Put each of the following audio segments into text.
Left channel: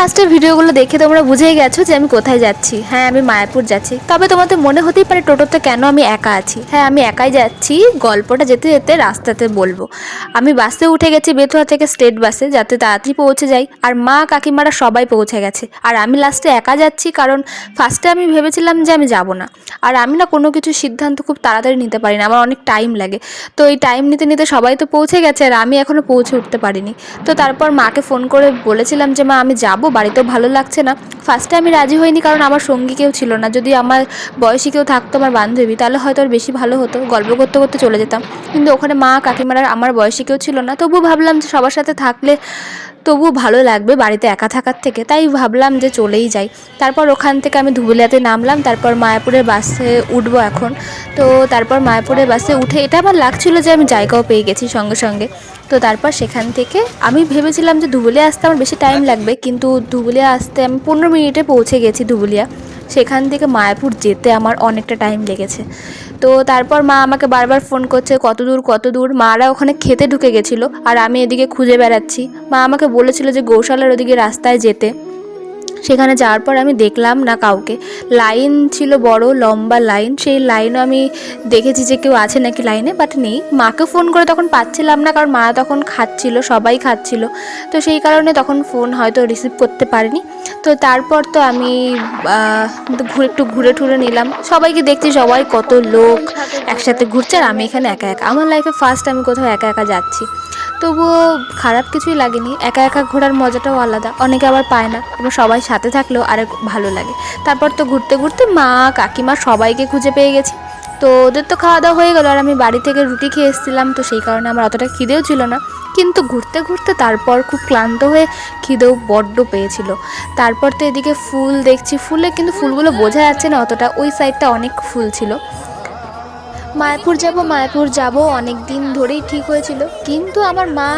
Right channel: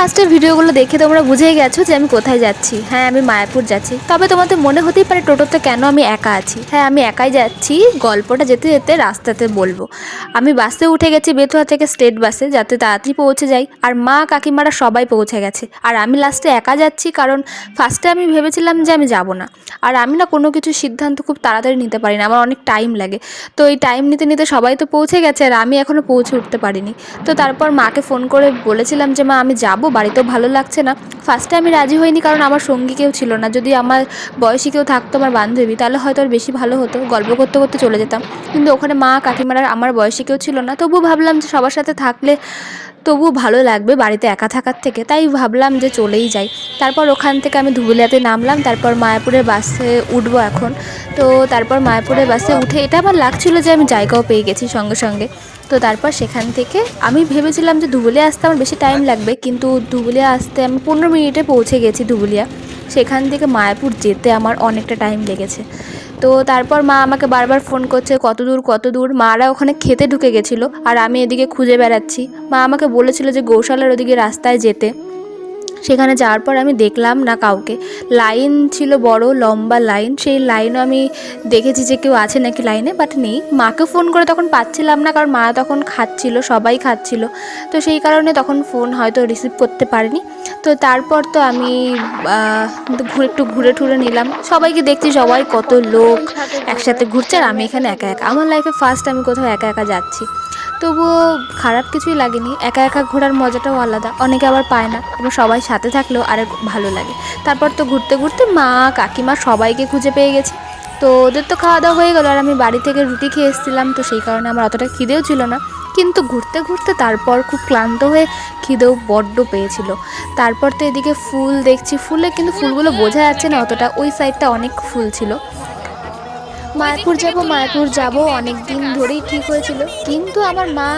ফার্স্টের ভিডিওগুলো দেখে তোমরা বুঝেই গেছো যে আমি কোথায় যাচ্ছি। হ্যাঁ, আমি মায়াপুর যাচ্ছি। তবে তোমাদের মনে হতেই পারে টোটোতে কেন আমি একা আছি। হ্যাঁ, আমি একাই যাচ্ছি। গল্পটা যেতে যেতে রাস্তাতে বলবো। আমি বাসে উঠে গেছি বেতুয়া থেকে স্টেট বাসে, যাতে তাড়াতাড়ি পৌঁছে যাই। আর মা কাকিমারা সবাই পৌঁছে গেছে, আর আমি লাস্টে একা যাচ্ছি। কারণ ফার্স্টে আমি ভেবেছিলাম যে আমি যাব না। আর আমি না কোনো কিছু সিদ্ধান্ত খুব তাড়াতাড়ি নিতে পারি না, আমার অনেক টাইম লাগে। তো এই টাইম নিতে নিতে সবাই তো পৌঁছে গেছে আর আমি এখনও পৌঁছে উঠতে পারিনি। তো তারপর মাকে ফোন করে বলেছিলাম যে মা আমি যাব, বাড়িতেও ভালো লাগছে না। ফার্স্টে আমি রাজি হইনি, কারণ আমার সঙ্গী কেউ ছিল না। যদি আমার বয়সী কেউ থাকতো, আমার বান্ধবী, তাহলে হয়তো আর বেশি ভালো হতো, গল্প করতে করতে চলে যেতাম। কিন্তু ওখানে মা কাকিমারা আমার বয়সী কেউ ছিল না। তবুও ভাবলাম যে সবার সাথে থাকলে তবুও ভালো লাগবে বাড়িতে একা থাকার থেকে, তাই ভাবলাম যে চলেই যাই। তারপর ওখান থেকে আমি ধুবুলিয়াতে নামলাম, তারপর মায়াপুরের বাসে উঠবো এখন। তো তারপর মায়াপুরের বাসে উঠে এটা আমার লাগছিল যে আমি জায়গাও পেয়ে গেছি সঙ্গে সঙ্গে। তো তারপর সেখান থেকে আমি ভেবেছিলাম যে ধুবুলিয়া আসতে আমার বেশি টাইম লাগবে, কিন্তু ধুবুলিয়া আসতে আমি 15 মিনিটে পৌঁছে গেছি ধুবুলিয়া। সেখান থেকে মায়াপুর যেতে আমার অনেকটা টাইম লেগেছে। তো তারপর মা আমাকে বারবার ফোন করছে কত দূর কত দূর। মারা ওখানে খেতে ঢুকে গেছিলো আর আমি এদিকে খুঁজে বেড়াচ্ছি। মা আমাকে বলেছিল যে গৌশালার ওদিকে রাস্তায় যেতে। সেখানে যাওয়ার পর আমি দেখলাম না কাউকে। লাইন ছিল, বড় লম্বা লাইন। সেই লাইনও আমি দেখেছি যে কেউ আছে নাকি লাইনে, বাট নেই। মাকে ফোন করে তখন পাচ্ছিলাম না, কারণ মা তখন খাচ্ছিল, সবাই খাচ্ছিল। তো সেই কারণে তখন ফোন হয়তো রিসিভ করতে পারিনি। তো তারপর তো আমি একটু ঘুরে টুরে নিলাম। সবাইকে দেখছি, সবাই কত লোক একসাথে ঘুরছে, আর আমি এখানে একা একা। আমার লাইফে ফার্স্ট আমি কোথাও একা একা যাচ্ছি। তবুও খারাপ কিছুই লাগেনি। একা একা ঘোরার মজাটাও আলাদা, অনেকে আবার পায় না, এবং সবাই সাথে থাকলেও আরেক ভালো লাগে। তারপর তো ঘুরতে ঘুরতে মা কাকিমা সবাইকে খুঁজে পেয়ে গেছি। তো ওদের তো খাওয়া দাওয়া হয়ে গেলো, আর আমি বাড়ি থেকে রুটি খেয়ে এসেছিলাম, তো সেই কারণে আমার অতটা খিদেও ছিল না। কিন্তু ঘুরতে ঘুরতে তারপর খুব ক্লান্ত হয়ে খিদেও বড্ড পেয়েছিল। তারপর তো এদিকে ফুল দেখছি, ফুলে কিন্তু ফুলগুলো বোঝা যাচ্ছে না অতটা, ওই সাইডটা অনেক ফুল ছিল। মায়াপুর যাব অনেক দিন ধরেই ঠিক হয়েছিল, কিন্তু আমার মা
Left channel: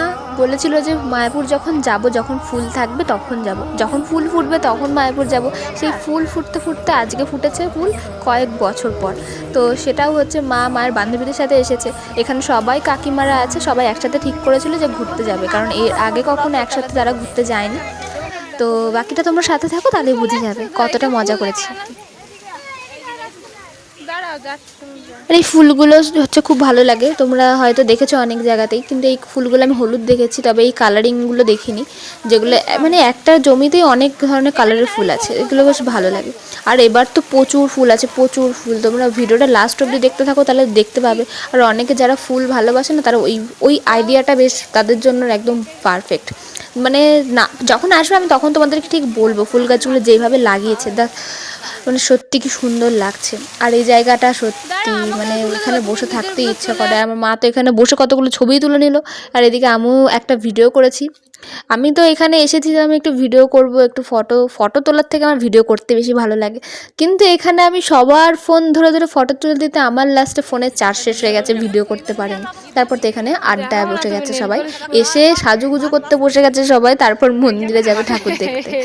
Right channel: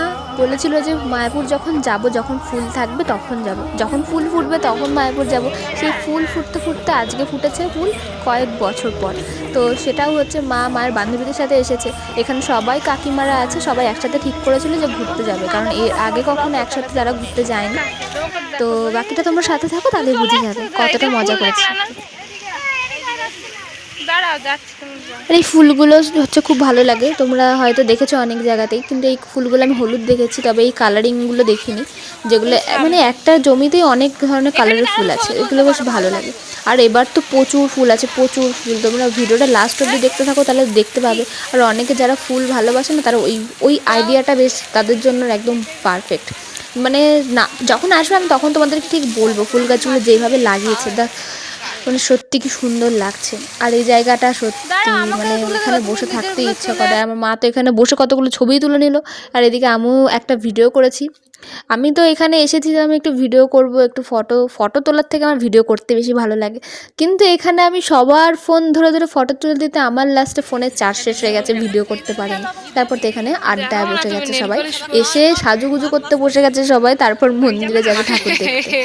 বলেছিল যে মায়াপুর যখন যাব, যখন ফুল থাকবে তখন যাব, যখন ফুল ফুটবে তখন মায়াপুর যাব। সেই ফুল ফুটতে ফুটতে আজকে ফুটেছে ফুল কয়েক বছর পর। তো সেটাও হচ্ছে মায়ের বান্ধবীদের সাথে এসেছে। এখানে সবাই কাকিমারা আছে, সবাই একসাথে ঠিক করেছিল যে ঘুরতে যাবে, কারণ এর আগে কখনো একসাথে তারা ঘুরতে যায়নি। তো বাকিটা তোমরা সাথে থাকো, তাহলে বুঝে যাবে কতটা মজা করেছে। আর এই ফুলগুলো হচ্ছে খুব ভালো লাগে, তোমরা হয়তো দেখেছো অনেক জায়গাতেই, কিন্তু এই ফুলগুলো আমি হলুদ দেখেছি, তবে এই কালারিংগুলো দেখিনি, যেগুলো মানে একটা জমিতেই অনেক ধরনের কালারের ফুল আছে, এগুলো বেশ ভালো লাগে। আর এবার তো প্রচুর ফুল আছে, প্রচুর ফুল। তোমরা ভিডিওটা লাস্ট অবধি দেখতে থাকো, তাহলে দেখতে পাবে। আর অনেকে যারা ফুল ভালোবাসে না, তারা ওই আইডিয়াটা বেশ তাদের জন্য একদম পারফেক্ট। মানে না, যখন আসবে আমি তখন তোমাদেরকে ঠিক বলবো ফুল গাছগুলো যেভাবে লাগিয়েছে, মানে সত্যি কি সুন্দর লাগছে। আর এই জায়গাটা সত্যি মানে এখানে বসে থাকতে ইচ্ছে করে। আমার মা তো এখানে বসে কতগুলো ছবি তুলে নিল, আর এদিকে আমিও একটা ভিডিও করেছি। আমি তো এখানে এসেছি যে আমি একটু ভিডিও করব, একটু ফটো তোলার থেকে আমার ভিডিও করতে বেশি ভালো লাগে। কিন্তু এখানে আমি সবার ফোন ধরে ধরে ফটো তুলে দিতে আমার লাস্টে ফোনের চার্জ শেষ হয়ে গেছে, ভিডিও করতে পারিনি। তারপর তো এখানে আড্ডায় বসে গেছে সবাই, এসে সাজুগুজু করতে বসে গেছে সবাই, তারপর মন্দিরে যাবে ঠাকুর দেখতে।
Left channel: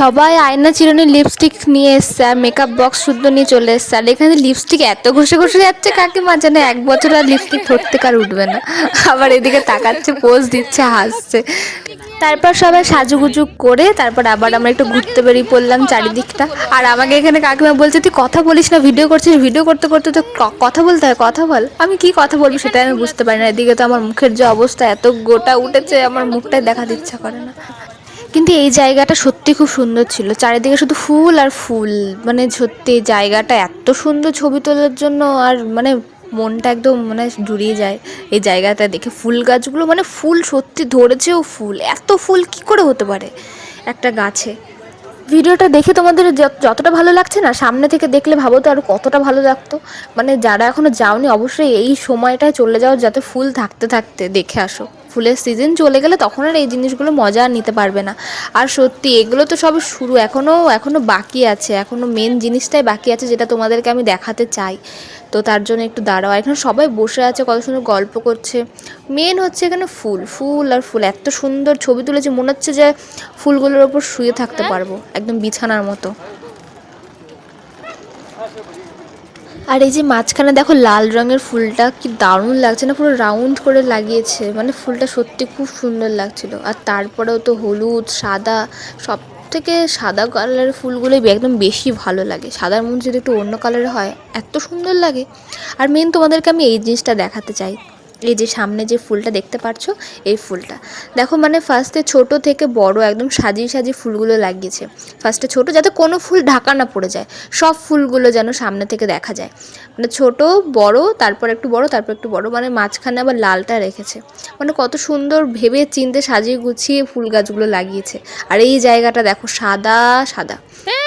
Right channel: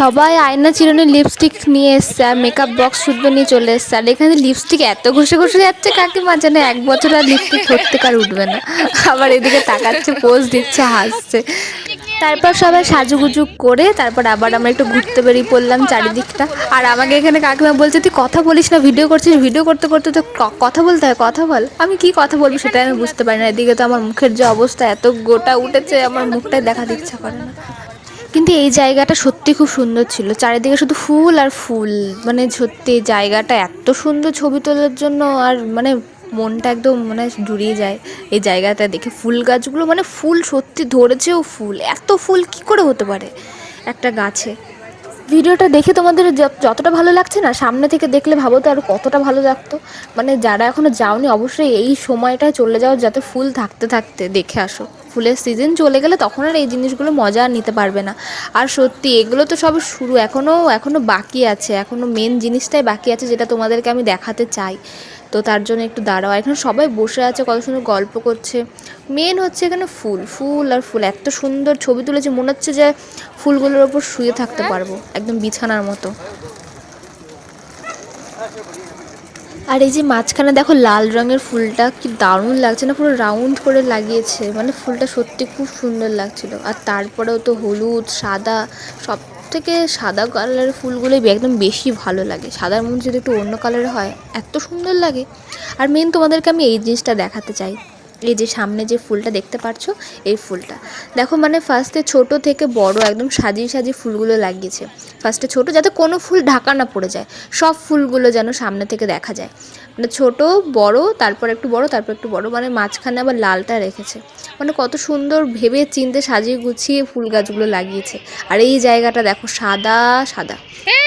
সবাই আয়না চিরুনি লিপস্টিক নিয়ে এসছে, আর মেকআপ বক্স শুদ্ধ নিয়ে চলে এসছে। আর এখানে লিপস্টিক এত ঘষে ঘষে যাচ্ছে কাকিমা, যেন 1 বছর আর লিপস্টিক ধরতে কার উঠবে না। আবার এদিকে তাকাচ্ছে, পোজ দিচ্ছে, হাসছে। তারপর সবাই সাজুগুজু করে তারপর আবার আমরা একটু ঘুরতে বেরিয়ে পড়লাম চারিদিকটা। আর আমাকে এখানে কাকিমা বলছে তুই কথা বলিস না, ভিডিও করছিস, ভিডিও করতে করতে তো কথা বলতে হয়, কথা বল। আমি কি কথা বলবো সেটাই আমি বুঝতে পারি না। এদিকে তো আমার মুখের যে অবস্থা, এত গোটা উঠেছে, আমার মুখটাই দেখাতে ইচ্ছা করে না। কিন্তু এই জায়গাটা সত্যি খুব সুন্দর ছিল, চারিদিকে শুধু ফুল আর ফুল। মানে সত্যি জায়গাটা এত সুন্দর ছবি তোলার জন্য, আর মানে মনটা একদম মানে জুড়িয়ে যায় এই জায়গাটা দেখে। ফুল গাছগুলো মানে ফুল সত্যি ধরেছেও, ফুল এত ফুল কি করে হতে পারে একটা গাছে। ভিডিওটা দেখে তোমাদের যতটা ভালো লাগছে না, সামনে থেকে দেখলে ভাবো তো আরও কতটা ভালো লাগতো। মানে যারা এখনও যাওনি অবশ্যই এই সময়টায় চলে যাও, যাতে ফুল থাকতে থাকতে দেখে আসো। ফুলের সিজন চলে গেলে তখন আর এই জিনিসগুলো মজা নিতে পারবে না। আর সত্যি এগুলো তো সব শুরু, এখনও বাকি আছে, এখনও মেন জিনিসটাই বাকি আছে, যেটা তোমাদেরকে আমি দেখাতে চাই। তো তার জন্য একটু দাঁড়াও। এখানে সবাই বসে আছে, কত সুন্দর গল্প করছে। মেন হচ্ছে এখানে ফুল ফুল আর ফুল, এত সুন্দর ছবি তুলেছে, মনে হচ্ছে যে ফুলগুলোর ওপর শুয়ে থাকতে পারবো একদম বিছানার মতো। আর এই যে মাঝখানে দেখো লাল রঙের ফুলটা কি দারুণ লাগছে না, পুরো রাউন্ড করে লাগিয়েছে, মানে ফুলটা সত্যি খুব সুন্দর লাগছিল। আর তারপরেও তো হলুদ সাদা, সব থেকে সাদা কালারের ফুলগুলোই একদম বেশি ভালো লাগে। সাদার মধ্যে যদি একটু অন্য কালারের হয় এত সুন্দর লাগে। আর মেন তোমাদেরকে আমি এই জিনিসটা দেখাতে চাই, এই যে সামনে যে ফুলটা দেখতে পাচ্ছ, এই ফুলটা দেখো, মানে ফার্স্টে ছোট থেকে বড় একদম সাজিয়ে সাজিয়ে ফুলগুলো লাগিয়েছে। ফার্স্টে ছোট, যাতে কোনো ফুল ঢাকা না পড়ে যায়, সব ফুলগুলো যেন সামনে থেকে দেখা যায়, মানে ছোট বড়, তারপর একটু বড়, তারপর একটু বড়, মানে মাঝখানে আবার লালটা রেখেছে। মানে কত সুন্দর ভেবে চিনতে সাজিয়ে গুছিয়ে ফুল গাছগুলো লাগিয়েছে। আর এই জায়গাটা দেখো সাদা সাদা,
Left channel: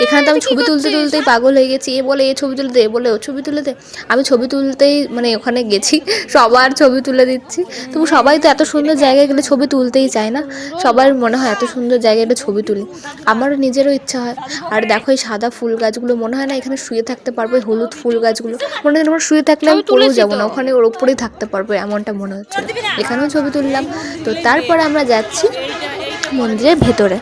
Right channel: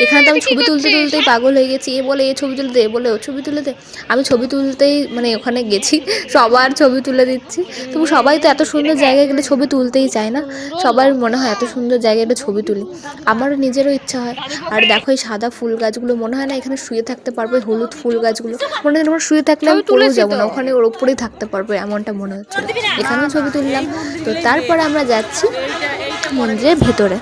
এখানে তো আমি ছবি তুলতে তুলতেই পাগল হয়ে গেছি। এ বলে এ ছবি তুলে দে, বলে ও ছবি তুলে দে। আমি ছবি তুলতেই মানে ওখানে গেছি, সবার ছবি তুলে দিচ্ছি। তবু সবাই তো এত সুন্দর জায়গায় গেলে ছবি তুলতেই চায় না, সবার মনে হয় এত সুন্দর জায়গায় একটা ছবি তুলি, আমারও নিজেরও ইচ্ছা হয়। আর দেখো এই সাদা ফুল গাছগুলো, মনে হয় না এখানে শুয়ে থাকতে পারবো। হলুদ ফুল গাছগুলো মনে হয় আমরা শুয়ে থাকলে তুলে যাবো না, ওখানে ওর উপরেই থাকতে পারবো, এমনটা মনে হচ্ছে। এখানেও ছবি তুললাম। তো তারপর আমরা যাচ্ছি মন্দিরের ভেতরে।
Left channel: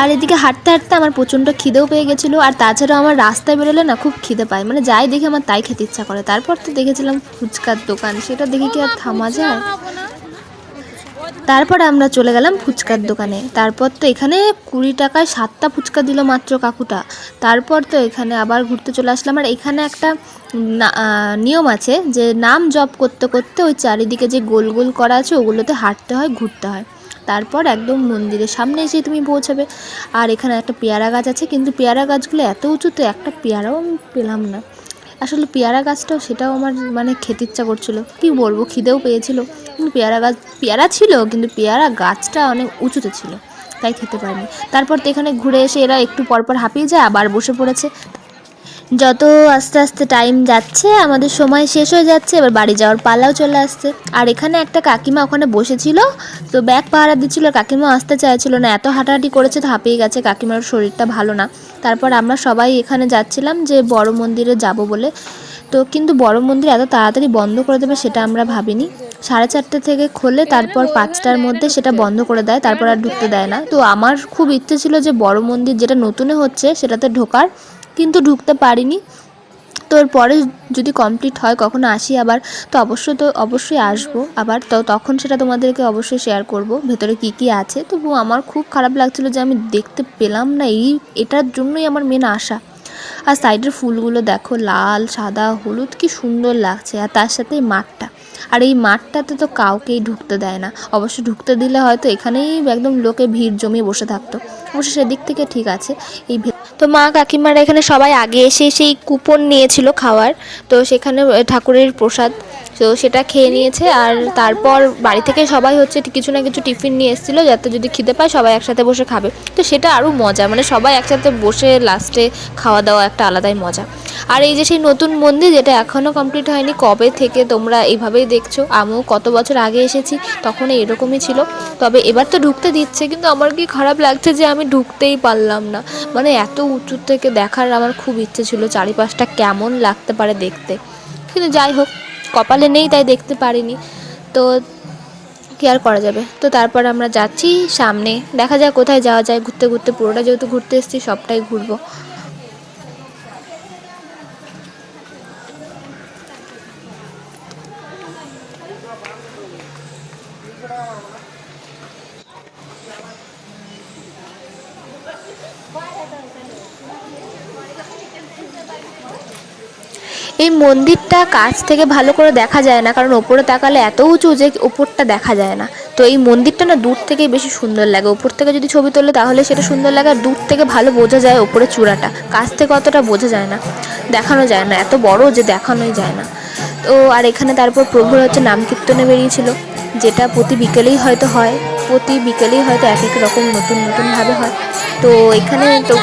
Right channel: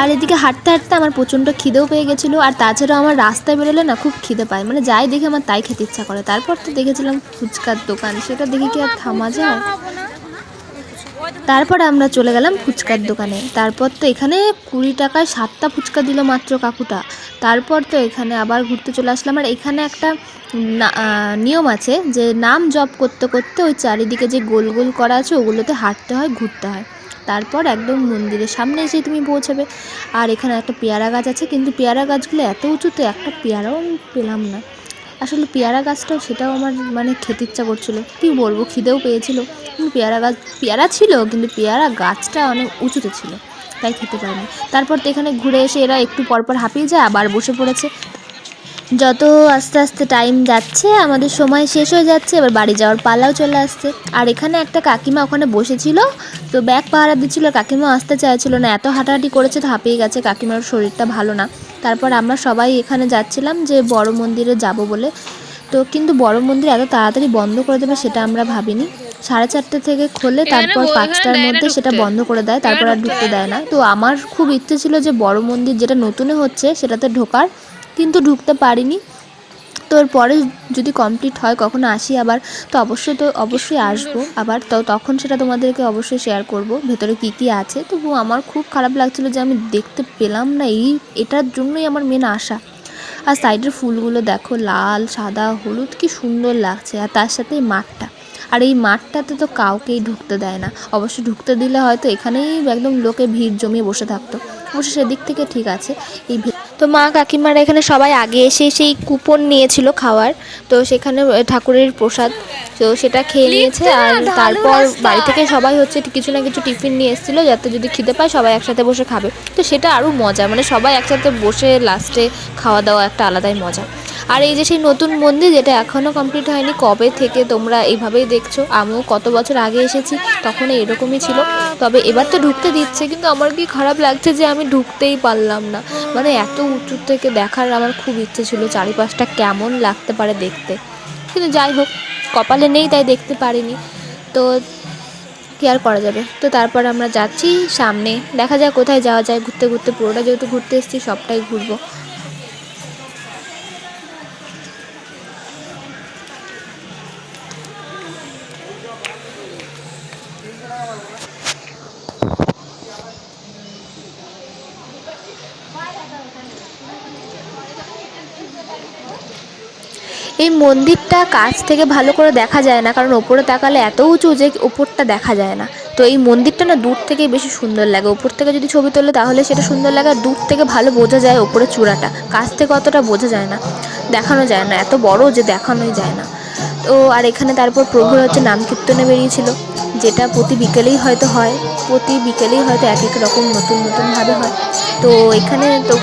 আর এদিকে হাঁটতে হাঁটতে আমার প্রচণ্ড খিদেও পেয়ে গেছিলো। আর তাছাড়াও আমার রাস্তায় বেরোলে না খুব খিদে পায়, মানে যাই দেখে আমার তাই খেতে ইচ্ছা করে। তারপর তো দেখেছিলাম ফুচকার দোকান, সেটা দেখে কি আর থামা যায়। তারপর আমরা চলে গেলাম ফুচকার দোকানে। তারপর তো এখানে 20 টাকায় 7টা ফুচকা দিল মাত্র কাকুটা। তারপর তো এখানে আবার ঘুরতে চলে আসলাম। আর এখানে একটা নিয়ম আছে যে নাম জপ করতে করতে ওই চারিদিকে যে গোল গোল করা আছে ওগুলোতে হাঁটতে হয়, ঘুরতে হয়, তারপর একদম মন্দিরের সামনে এসে তুমি পৌঁছাবে। আর এখানে একটা পেয়ারা গাছ আছে, কিন্তু পেয়ারা গাছগুলো এত উঁচুতে একটা পেয়ারাও আমি পেলাম না। আসলে পেয়ারা গাছটাও সেটাও আমার মানে খেতে ইচ্ছা করছিলো, কী বলবো, খিদেও পেয়েছিলো। পেয়ারা গাছ পেয়ারা ছিল, কিন্তু পেয়ারা গাছটা অনেক উঁচুতে ছিল, তাই খেতে পারিনি। তারপর তো এখানে ঘুরে এসে এরা একটু পরপর হাঁপিয়ে যায়, আবার বসে পড়েছে। যত আস্তে আস্তে টাইম যাচ্ছে আমাদের সময় শেষ হয়ে যাচ্ছে, এবার বাড়ি যাওয়ার পালাও চলে আসছে। আর এখানে একটা কাকিমা ওখানে বসেছিল, তো ব্যাগ পাহারা দিচ্ছিল, কাকিমা আসতে চাইছিল না, এত হাঁটাহাঁটি করেছে তো হাঁপিয়ে গেছে, কাকিমার শরীরটা ভালো না। তারপর আমরা সবাই এখানে যাচ্ছিলাম যে বড় মন্দিরে যাব বলে। তো কিন্তু বড় মন্দির এত তাড়াতাড়ি বন্ধ করে দেবে সেটা আমরা ভাবিনি। 4:30 থেকে খোলে, তারপর 5টার মধ্যে সেটা বন্ধ করে দেয়, তারপর আর ঢুকতে দেয় না। তো আমার খুব ইচ্ছে ছিল যে বড় মন্দির যেটা নতুনে হচ্ছে সেটাতে ঢোকার, কিন্তু ঢুকতে পারিনি। তো এরপরে যদি কমপ্লিট হয় কখনো আসি আবার, তো অবশ্যই আসবো আবার, তো তখন সেটা তোমাদেরকে অবশ্যই শেয়ার করব ভেতরে কী কী আছে। তবু আমার খুব খারাপ লাগছিলো যে আমি দেখতে পেলাম না, এটার জন্যই আমার মেন আশা। আর সাইডের ফুলগুলো দেখো, লাল সাদা হলুদ, কি সুন্দর লাগছে। আর তার সাথে এই মাঠটা, আর এই মাঠটাতে তো কাউকেই ঢুকতে দেয় না। অবশ্য ঢুকতে দিলে হয়তো এখানেই একদম লোকে ভিড় জমিয়ে বসে থাকতো, অবশ্য সেদিক থেকে ঠিক আছে। তো মা কাকিমারা এখানে সবাই আগে এসে সেই কুপন নিয়েছিল খাওয়ার, তো সেখানে ঠাকুরের প্রসাদ, তো সেটা খেয়ে নিয়েছে। আর তারপর বাড়ি থেকে সবাই হচ্ছে কিছু না কিছু টিফিন নিয়ে এসেছিলো, যাতে যদি খিদে পায় সবাই একসাথে বসে খাবে। তো সেটা আরও মজা, মানে সবাই একসাথে বসে লাস্টে খাওয়া দাওয়া একটা আলাদাই মজা। আর এই যে সেই নতুন মন্দির যেটা এখনও কমপ্লিট হয়নি, কবে থেকে তোমরা এইভাবেই দেখছো, আমিও কত বছর আগে এসেছি তখন এরকমই ছিল। তবে এবার তো ঢুকতে দিচ্ছে, কিন্তু আমার কি খারাপ লাগছে যে আমি ঢুকতেই পারলাম না। মানে এত উঁচু থেকে দেখার আমার খুব ইচ্ছে ছিল চারিপাশটা কেমন লাগতে পারে দেখতে, কিন্তু যাই হোক কপালে নেই তাই দেখতে পারিনি। তো কি আর করা যাবে। তো তারপর আমরা যাচ্ছি সামনে, দেখা যায় কোথায় যাওয়া যায়, ঘুরতে ঘুরতে, পুরোটা যেহেতু ঘুরতে এসেছি সবটাই ঘুরবো। এই মন্দিরটা কাছ থেকে ভালো করে দেখা যায় না, কারণ ওপরে তাকালে এত উঁচু যে ওপরটা দেখা যায় না। তো এই মন্দিরটা না দূর থেকেই বেশি সুন্দর লাগে, ওপর থেকে যদি ছবি তোলে তাহলে সেটা সুন্দর লাগে, আর দূর থেকে ভালো বোঝা যায় ওপরে চূড়াটা, কাছ থেকে অতটা বোঝা যায় না, দেখানো যায় না, এত বড় যে দেখানোই যায় না। তো আর এখানে তারপর প্রভুর হচ্ছে নাম কীর্তনে বেরিয়েছিল, যেটা প্রতি বিকেলেই হয়তো হয়, প্রতি বিকেলেই হয়তো এক এক রকম নতুন নতুনভাবে হয়। তো এখানে তো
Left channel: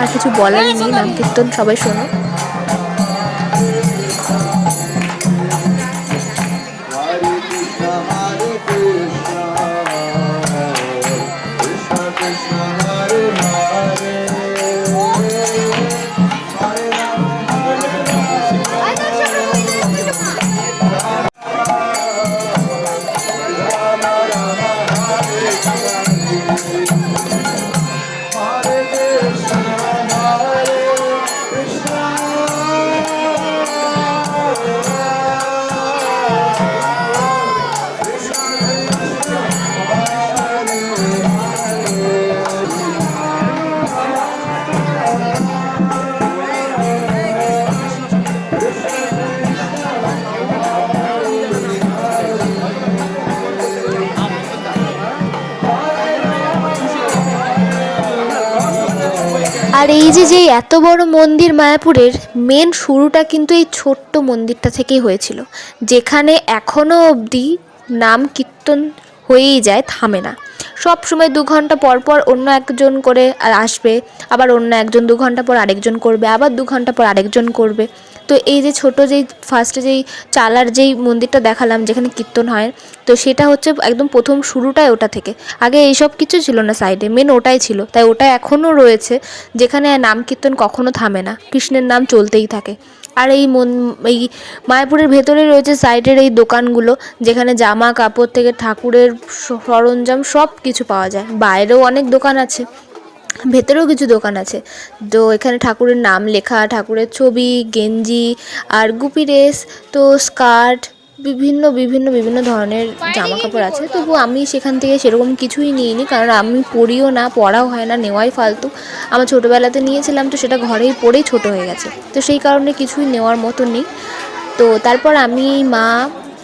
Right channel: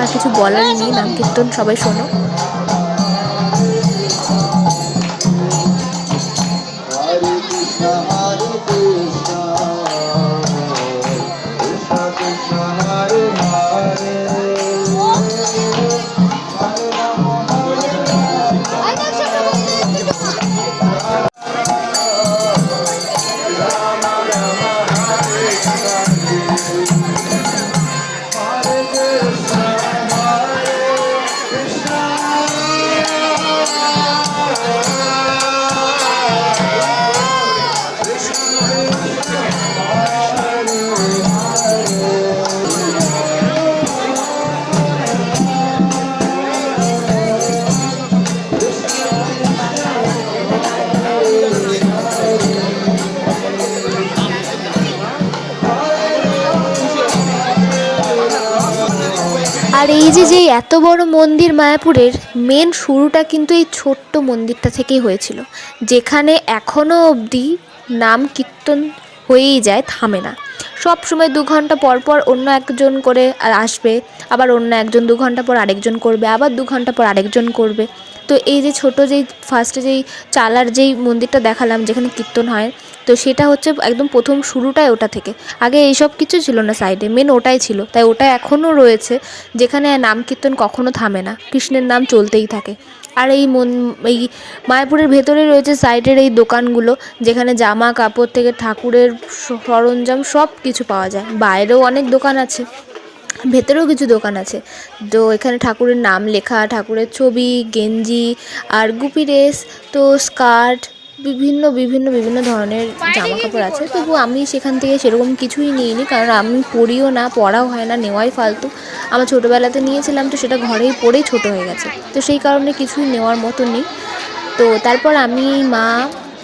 আর কিছু বলার নেই, নাম কীর্তন সবাই শোনো। আর এই যে যে এত বড় মন্দির মায়াপুরের মেন শুরুটা কিন্তু এই ছোট্ট মন্দিরটা থেকেই হয়েছিল, যেখানে এখনও অবধি নাম কীর্তন হয়েই যায়, থামে না। সব সময় 2 ঘন্টা পর পর অন্য একজন করে আসবে, আবার অন্য একজন 2 ঘন্টা পর আরেকজন করবে, আবার 2 ঘন্টা পর আরেকজন করবে। তো এই যে ছোট যেই ফার্স্টে যেই চালার যেই মন্দিরটা দেখালাম যেখানে কীর্তন হয়, তো সেটা হচ্ছে একদম প্রথম শুরুটাই ওটা থেকে। আগে এইসব কিছু ছিল না সাইডে, মেন ওটাই ছিল, তাই ওটা এখনও রয়েছে, যেখানে নাম কীর্তন কখনো থামে না, কৃষ্ণের নাম চলতেই থাকে। আর এই মায়াপুরের ভেতরে রয়েছে সাইডের এই দোকানগুলো, যেখানে জামা কাপড় থেকে ঠাকুরের সরঞ্জাম সব কিছু পাওয়া যায়। বাইরেও অনেক দোকান আছে, ভেতরেও কিছু দোকান আছে। তো এখানে ঠাকুরের নাম লেখা, ঠাকুরের ছবি, গেঞ্জি আর গুপি ড্রেস, তো স্কার্ট, বিভিন্ন বিভিন্ন বিভিন্ন ধরনের জামা কাপড় আছে। তবু আমি সেখান থেকে সেরকম কিছুই নিইনি, কারণ আমি পরিও না, পরাও হয় না, নেওয়াই ফালতু। আমার ছোটোবেলাতে নিয়েছিলাম, তো সেটা ঘরেই পরেই ছোট হয়ে গেছে, তো সেই কারণে কিছুই নেওয়ার মতো নেই। তো তারপর আমি মা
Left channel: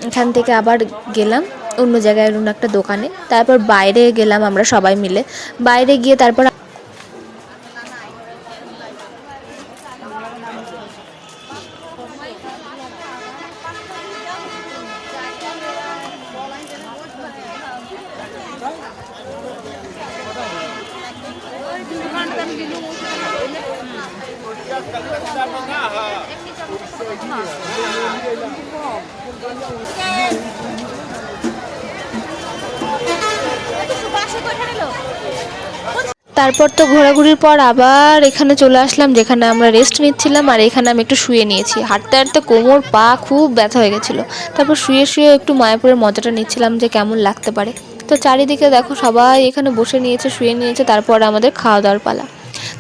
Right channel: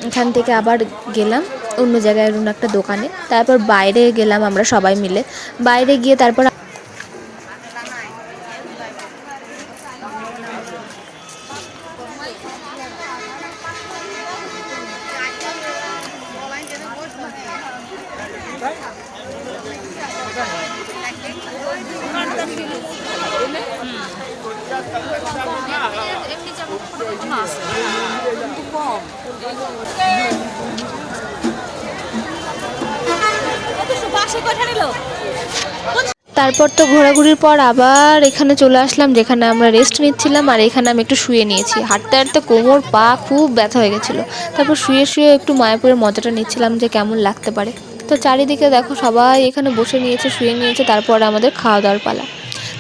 এখান থেকে আবার গেলাম অন্য জায়গায়, অন্য একটা দোকানে। তারপর বাইরে গেলাম আমরা সবাই মিলে। বাইরে গিয়ে তারপর তারপর তো ঘোরাঘুরির পর আবার এখানে চলে আসলাম, যেখানে আমরা রেস্ট নিচ্ছিলাম। আর এখানে আমি একটু শুয়ে নিয়েছি, হাঁটতে হাঁটতে কোমর পা খুব ব্যথা হয়ে গেছিলো। তারপর শুয়ে শুয়ে একটু মায়াপুরের মজাটা নিচ্ছিলাম যে কেমন লাগতে পারে। তো চারিদিকে দেখো সবাই এখানে বসে নিয়েছে, শুয়ে নিয়েছে। তারপর আমাদের খাওয়া দাওয়ার পালা।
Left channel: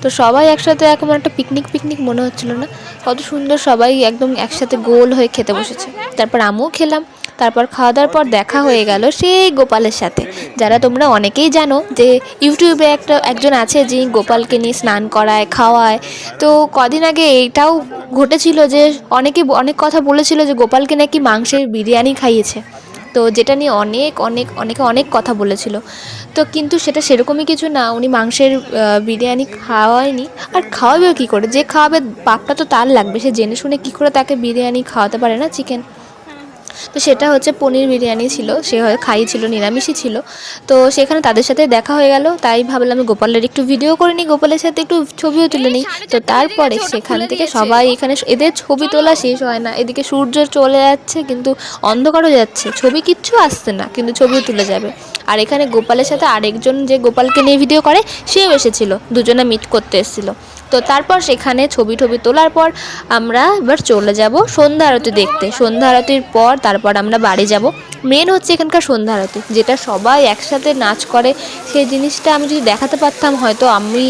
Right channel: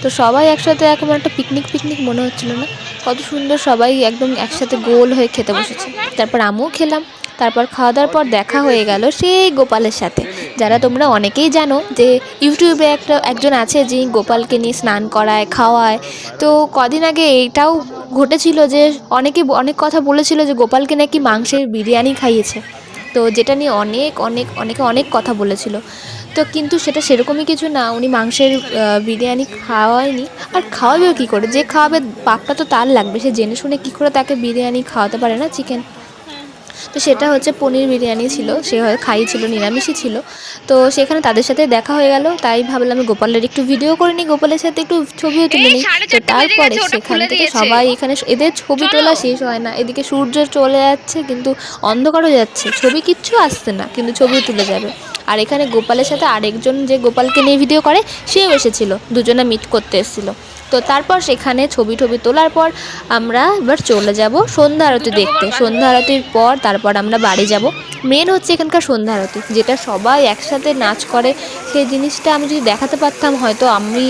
তো সবাই একসাথে এখন একটা পিকনিক পিকনিক মনে হচ্ছিলো না, কত সুন্দর সবাই একদম একসাথে গোল হয়ে খেতে বসেছে। তারপর আমিও খেলাম। তারপর খাওয়া দাওয়ার পর দেখা হয়ে গেল সেই গোপালের সাথে, যারা তোমরা অনেকেই জানো যে ইউটিউবে একজন আছে যিনি গোপালকে নিয়ে স্নান করায়, খাওয়ায়। তো কদিন আগে এটাও ঘটেছিল যে অনেক কথা বলেছিল যে গোপালকে নাকি মাংসের বিরিয়ানি খাইয়েছে, তো যেটা নিয়ে অনেকে অনেক কথা বলেছিল। তো কিন্তু সেটা সেরকমই কিছু না, উনি মাংসের বিরিয়ানি খাওয়ায়নি। আর খাওয়াবেও কী করে, যে খাওয়াবে পাপটা তো তার লাগবে, সে জেনে শুনে কী করে তাকে বিরিয়ানি খাওয়াতে পারে না, চিকেন। তো সেটা হচ্ছে পনির বিরিয়ানি ছিল, সে হয়তো খাইয়েছিল, নিরামিষই ছিল। তো সেখানে তাদের সাথে দেখা হয়ে গেল, তাই ভাবলাম আমি গোপালের একটু ভিডিও করে নিই, গোপালের সাথে একটু ছবিও তুলে নিই। তো তারপরে সেখান থেকে সবাই এখানে, এদের ছবি তোলা শেষ হয় না, এদিকে সূর্য চলে যাচ্ছে কিন্তু অন্ধকার হয়ে যাচ্ছে, ছবি কিচ্ছু আসছে না, কিন্তু ছবি তুলে যাবে। আর এখানে গোপালের সাথে আরেকজন যে গোপালকে নিয়ে ভিডিও করে সেও এসেছিলো, দুজনে মিট করতে এসেছিলো। তো তারপর সেখানে ছবি তোলার পর আমরা এবার চলে যাব সন্ধ্যা আরতি দেখতে। সন্ধ্যা আরতির পর তারপর আমরা বাড়ি যাব। মেন হচ্ছে এখানকার সন্ধ্যা আরতি, যেটা সবাই একসাথে নাচ করে, সেই জিনিসটা আমি যদি দেখাতে পারতাম হয়তো আমি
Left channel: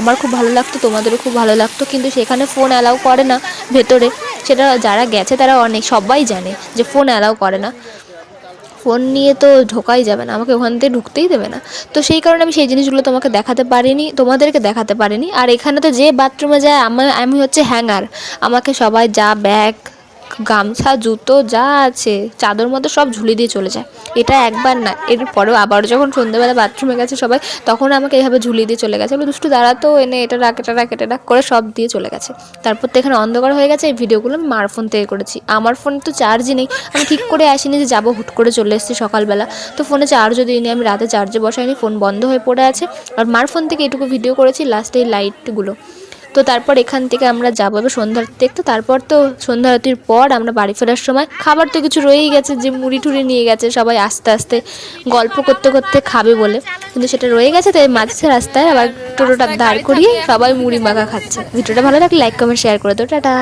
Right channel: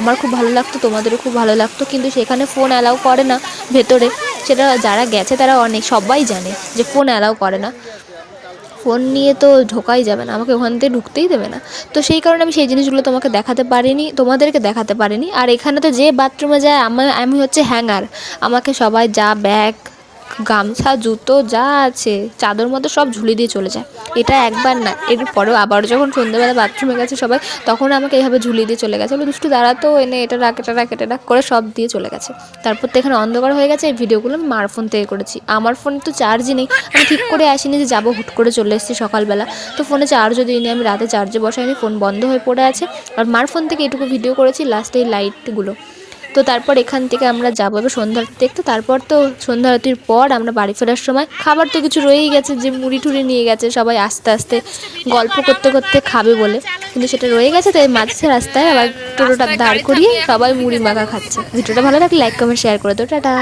আমার খুব ভালো লাগতো, তোমাদেরও খুব ভালো লাগতো। কিন্তু সেখানে ফোন অ্যালাউ করে না ভেতরে, সেটা যারা গেছে তারা সবাই জানে যে ফোন অ্যালাউ করে না, ফোন নিয়ে তো ঢোকাই যাবে না, আমাকে ওখান থেকে ঢুকতেই দেবে না। তো সেই কারণে আমি সেই জিনিসগুলো তোমাদেরকে দেখাতে পারিনি। আর এখানে তো যে বাথরুমে যায় আমি হচ্ছে হ্যাঙ্গার, আমাকে সবাই যা ব্যাগ, গামছা, জুতো যা আছে, চাদর মতো সব ঝুলিয়ে দিয়ে চলে যায়। এটা একবার না, এরপরেও আবার যখন সন্ধ্যাবেলা বাথরুমে গেছে সবাই, তখন আমাকে এভাবে ঝুলিয়ে দিয়ে চলে গেছে। আমি দুষ্টু দাঁড়াতো এনে এটা রাখ করে সব দিয়ে চলে গেছে। তারপর তো এখানে অন্ধকার হয়ে গেছে। এই ভিডিওগুলো আমি মার ফোন থেকে করেছি, আমার ফোন তো চার্জই নেই, আমি ঠিক করে আসিনি যে যাবো, হুট করে চলে এসেছি সকালবেলা। তো ফোনে চার্জও দিইনি, আমি রাতে চার্জে বসাইনি, ফোন বন্ধ হয়ে পড়ে আছে। আর মার ফোন থেকে এটুকু ভিডিও করেছি, লাস্টে এই লাইটগুলো। তো তারপর এখান থেকে আমরা যাবো সন্ধ্যা আরতি দেখতে। তারপর তো সন্ধ্যা আরতির পর আমরা বাড়ি ফেরার সময় খাবার তো কিছু রয়েই গেছে, যে মুড়ি টুড়ি নিয়ে গেছে সবাই আস্তে আস্তে গল্প করতে করতে খাবে বলে, কিন্তু সেটা রয়ে গেছে। তাই মাঝে রাস্তায় আবার টোটোটা দাঁড় করিয়ে সবাই মুড়ি মাখা খাচ্ছে। ভিডিওটা ভালো লাগলে লাইক কমেন্ট শেয়ার করে দাও, টাটা।